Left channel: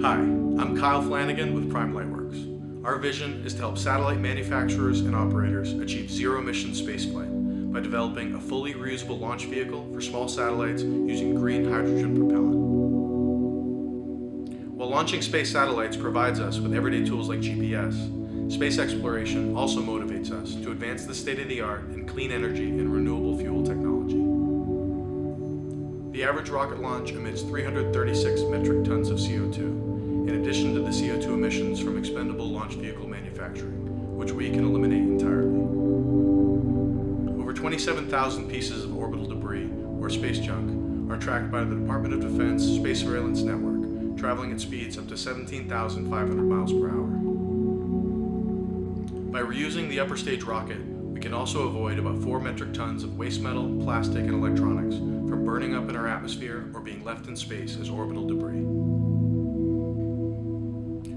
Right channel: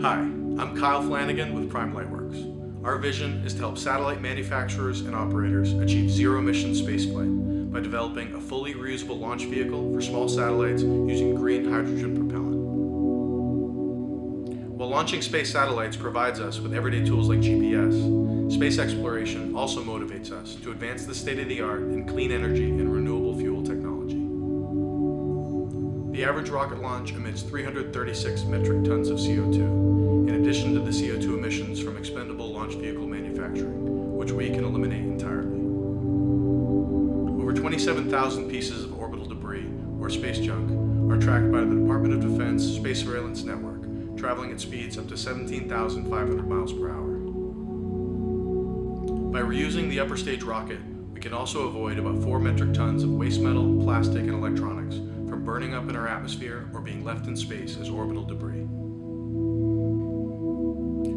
Hi, I'm Kyle Flanagan with Lightworks. Our vision is to help satellite manufacturers and operators achieve zero-emission spaceflight by developing a fully reusable launch vehicle for small satellites using green hydrogen propellant. While launching space satellites provides us with everyday tools like GPS, space exploration also motivates us to advance the state-of-the-art in clean energy and renewable fuel technology. The average rocket launch emits 336 metric tons of CO2, in addition to the CO2 emissions from expendable launch vehicle manufacturing, which we can eliminate entirely. Over 27,000 pieces of orbital debris, or space junk, are tracked by the Department of Defense Space Surveillance Network, traveling at speeds up to 17,500 miles per hour. By reusing the upper stage rocket, we can also avoid about 4 metric tons of waste metal, plastic, and electronics from burning up in our atmosphere or being left in space as orbital debris.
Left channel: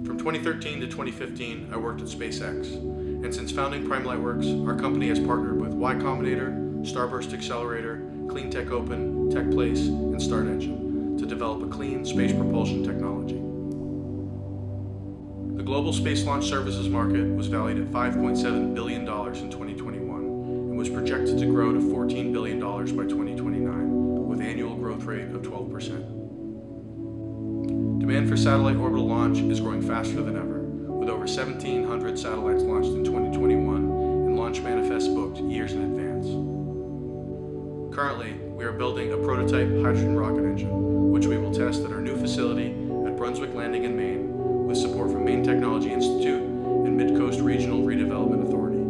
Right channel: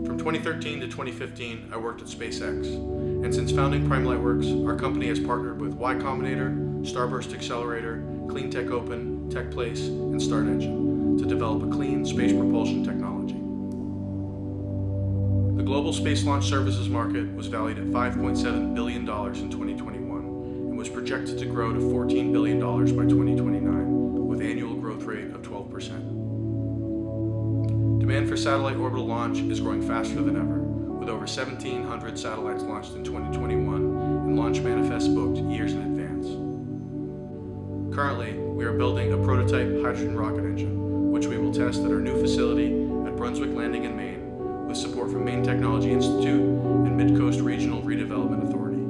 From 2013 to 2015, I worked at SpaceX, and since founding Lightworks, our company has partnered with Y Combinator, Starburst Accelerator, Clean Tech Open, TechPlace, and StartEngine to develop a clean space propulsion technology. The global space launch services market was valued at $5.7 billion in 2021 and was projected to grow to $14 billion by 2029, with annual growth rate of 12%. Demand for satellite orbital launch is growing faster than ever, with over 1,700 satellites launched in 2021 and launch manifests booked years in advance. Currently, we are building a prototype hydrogen rocket engine, which we will test at our new facility at Brunswick Landing in Maine, with support from Maine Technology Institute and Mid-Coast Regional Redevelopment Authority.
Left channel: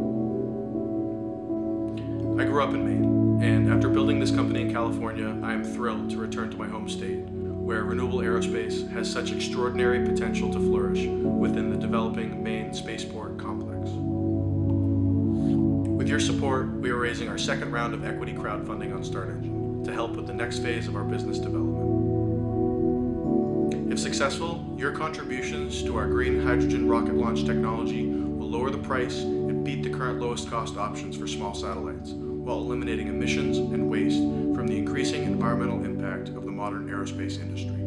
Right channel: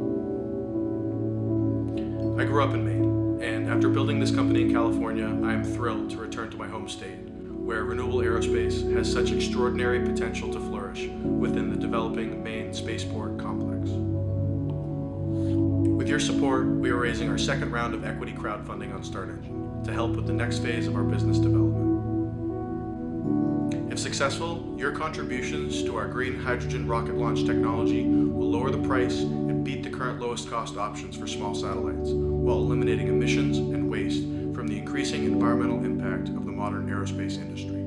I grew up in Maine, and after building this company in California, I am thrilled to return to my home state, where Renewable aerospace has such extraordinary potential to flourish within the developing Maine spaceport complex. With your support, we are raising our second round of equity crowdfunding on StartEngine to help with the next phase of our business development. If successful, your contributions to our green hydrogen rocket launch technology will lower the price and beat the current lowest cost options for small satellites, while eliminating emissions and waste from the increasing environmental impact of the modern aerospace industry.